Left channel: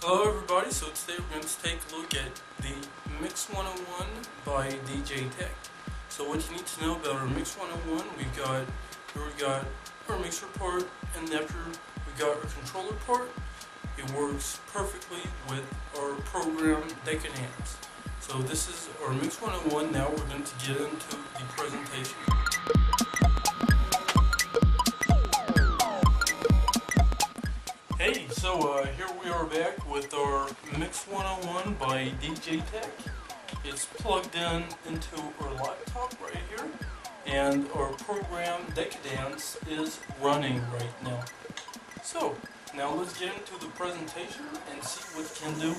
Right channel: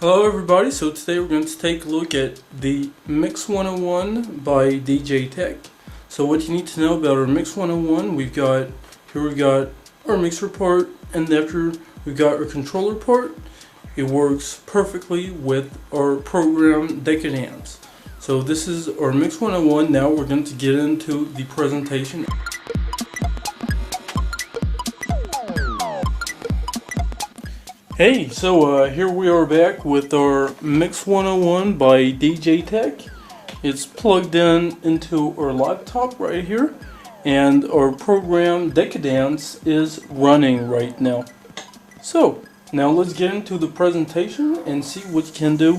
Hello everybody, so today we're going to take a look at the Mix 101 by DJ Tech. So what you need to know about our Mix 101, we've got our mixer part, and after we've got our controller part. It works perfectly with our program Decadence. So this is our Mix 101. Now we're going to get into the presentation. Hey, so here we are back with our Mix 101 by DJ Tech. It's plugged in into our laptop right here, and our program Decadence is running right now. So now let's get into the presentation and see what you can do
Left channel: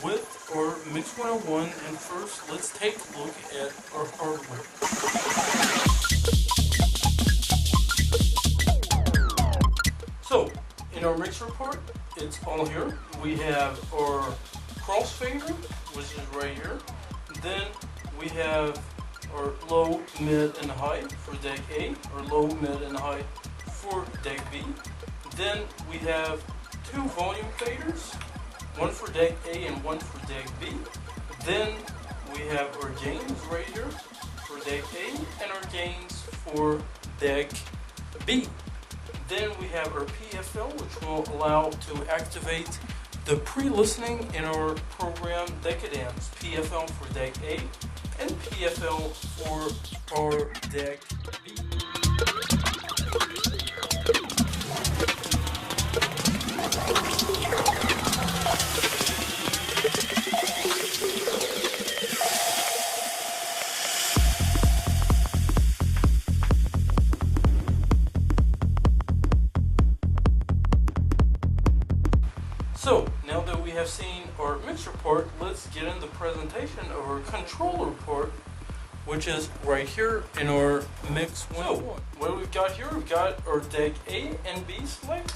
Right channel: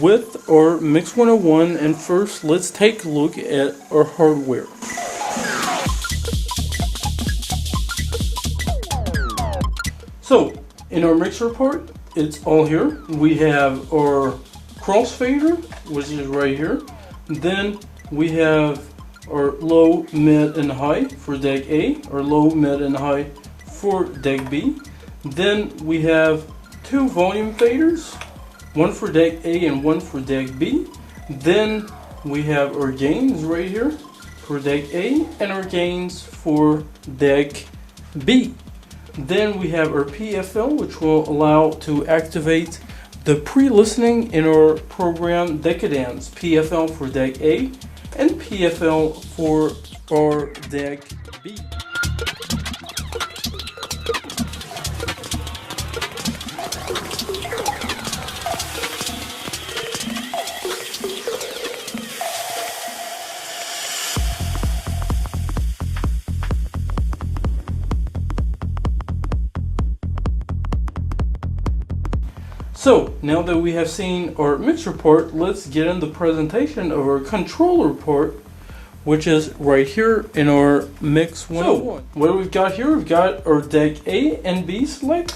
with our Mix 101. And first, let's take a look at our hardware. So in our mixer part, it's all here. We have our crossfader, which is right here. Then we have our low, mid, and high for deck A, or low, mid, and high for deck B. Then we have two volume faders, one for deck A and one for deck B. Then we have our gains right here for deck A and our gains for deck B. Then we have our PFL, which will allow to activate the pre-listening in our program Decadence. PFL for deck A and PFL for our deck B. So now that we have seen our mixer part, let's get in the presentation of our controller part, which is right here in our Mix 101. So what we've got here, we've got our deck A and B select,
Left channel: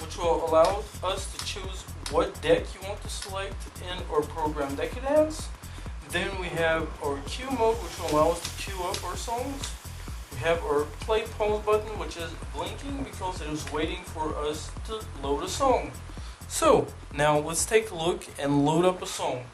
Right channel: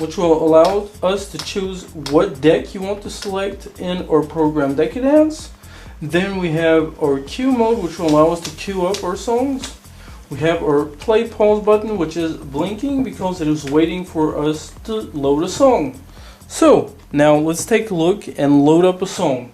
which will allow us to choose what deck you want to select in our program Decadence. Then we have our queue mode, which will allow us to queue up our songs. We have our play pause button, which is blinking because it is waiting for us to load a song. So now let's take a look and load up a song.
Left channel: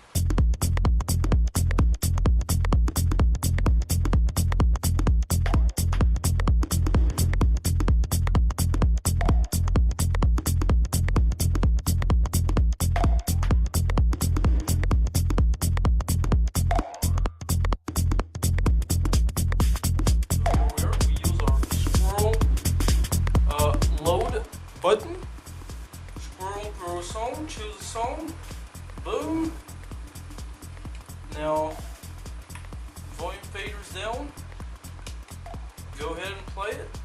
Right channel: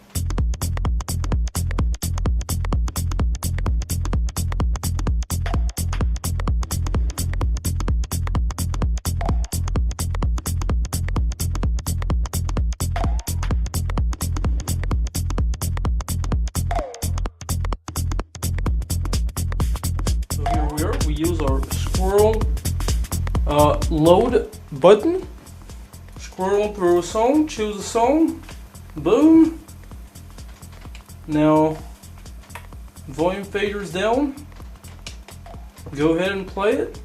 So here we are. We use our scroll load button. Scroll through a song, choose a song, boom. Now, volume fader's down. Go ahead and play it.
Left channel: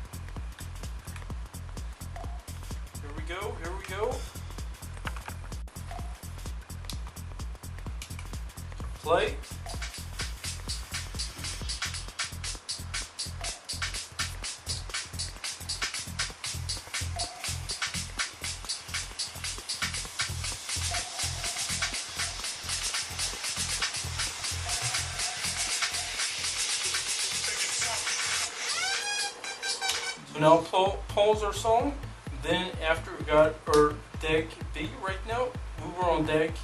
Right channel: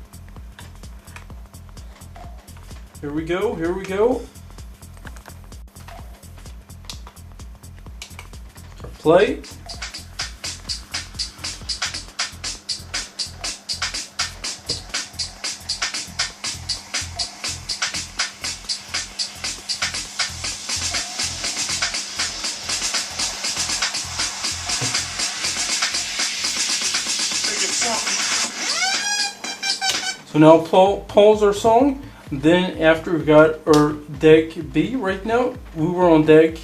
Here we go, here we go. Play. So now pause our song. Then after we've got our deck B right now, we were on deck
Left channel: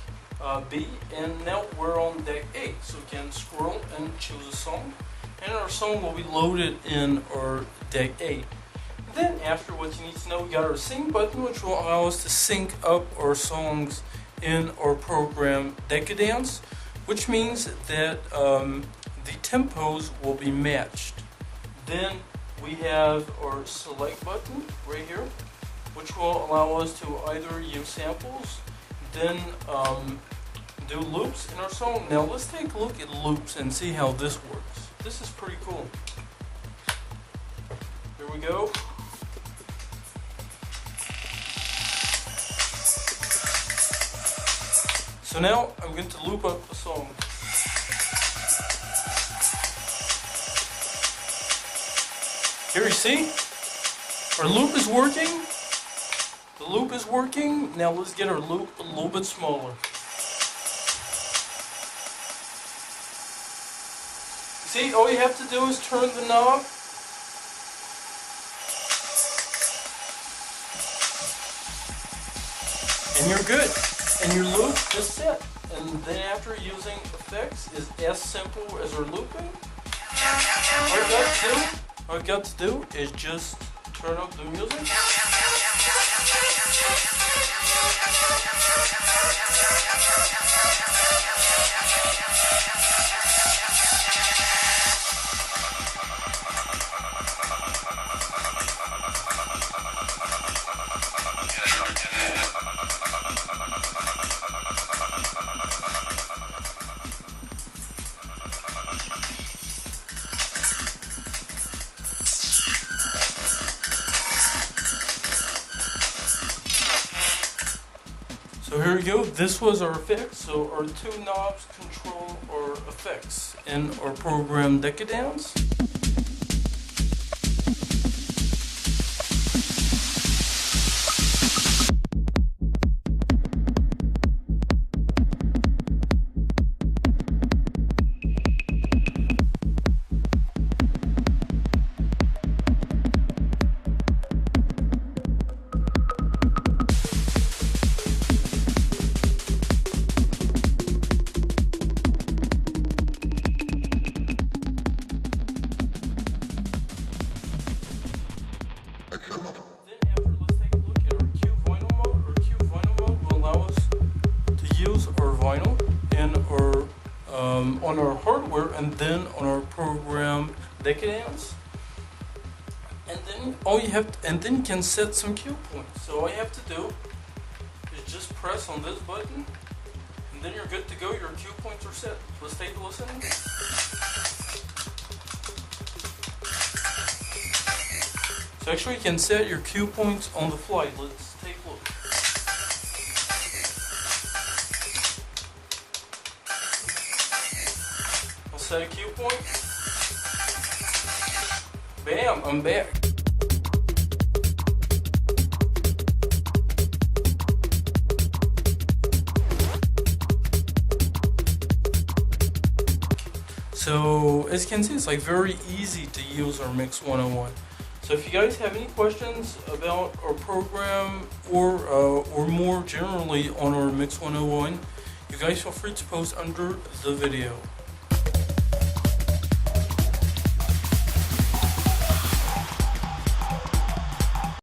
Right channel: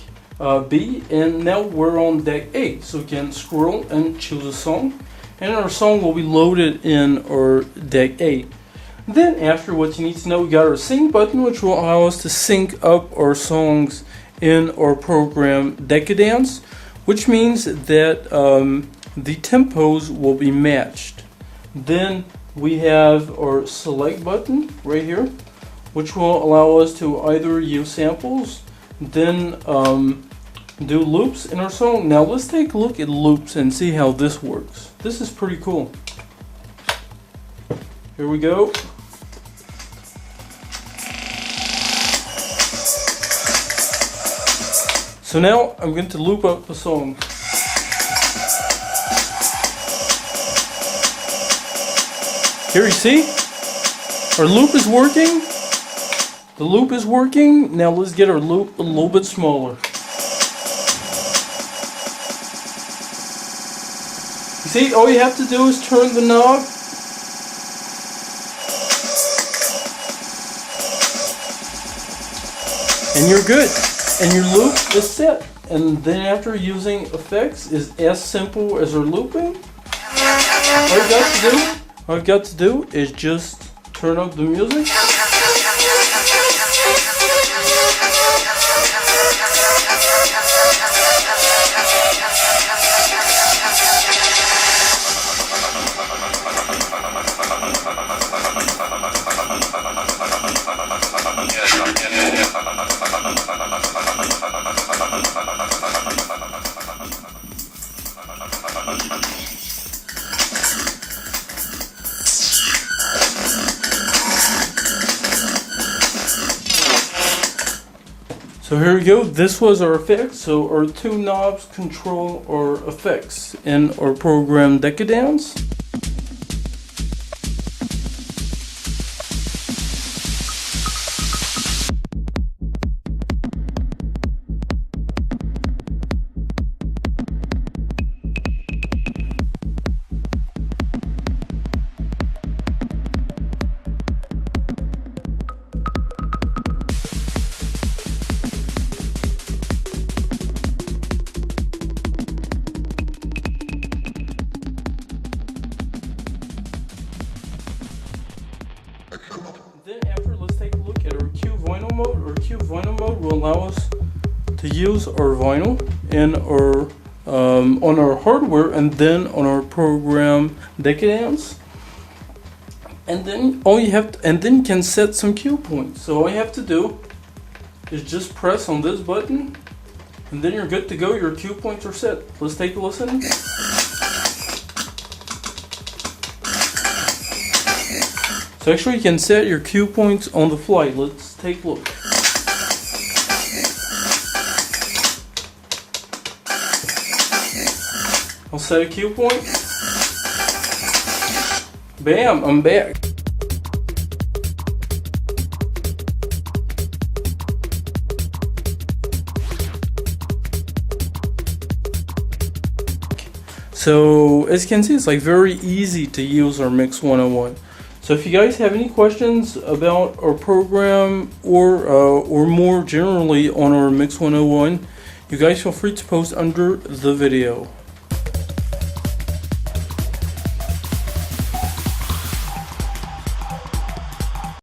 B and now we're on deck A. So we can scroll and choose a song, and our song will be loaded in our deck A. Then after, what you need to know, we got our sync button, which will allow us to sync up our songs in our program Decadence, which means that the tempos will be matched. Then we have our select button right here, which will allow us to either use samples, then do loops in our song. Now let's take a look at loops and see how this works. This is pretty cool. Here we go. So now I'm going to loop up the song. Here you see, our loop is working. The loop is working. Now let's get our loop a little bit smaller. You see, all you have to do is turn the knob. And you're good. and your loop is set. And then after using effects is as simple as our looping. All I've got to do is just turn up the music. So here we go, this was our effects. So our two knobs control our effects in our program Decadence. Then after, let's take a look at our Q vinyl mode. Our Q vinyl mode will allow us to use our vinyl in our on our hardware and then on our program Decadence. And then then you can set some cue points. So all you have to do is just press on this button, and then you're good to go. Your cue points are set. Let's take a listen. So actually you can set your cue points on the fly. Let's take a look. I'll set a cue point. Bam, I'm back. So as you can see, it's like very easy to use our Mix 101. So if you guys have any questions about our program or more generally on our Mix 101, you guys feel free to post under the video.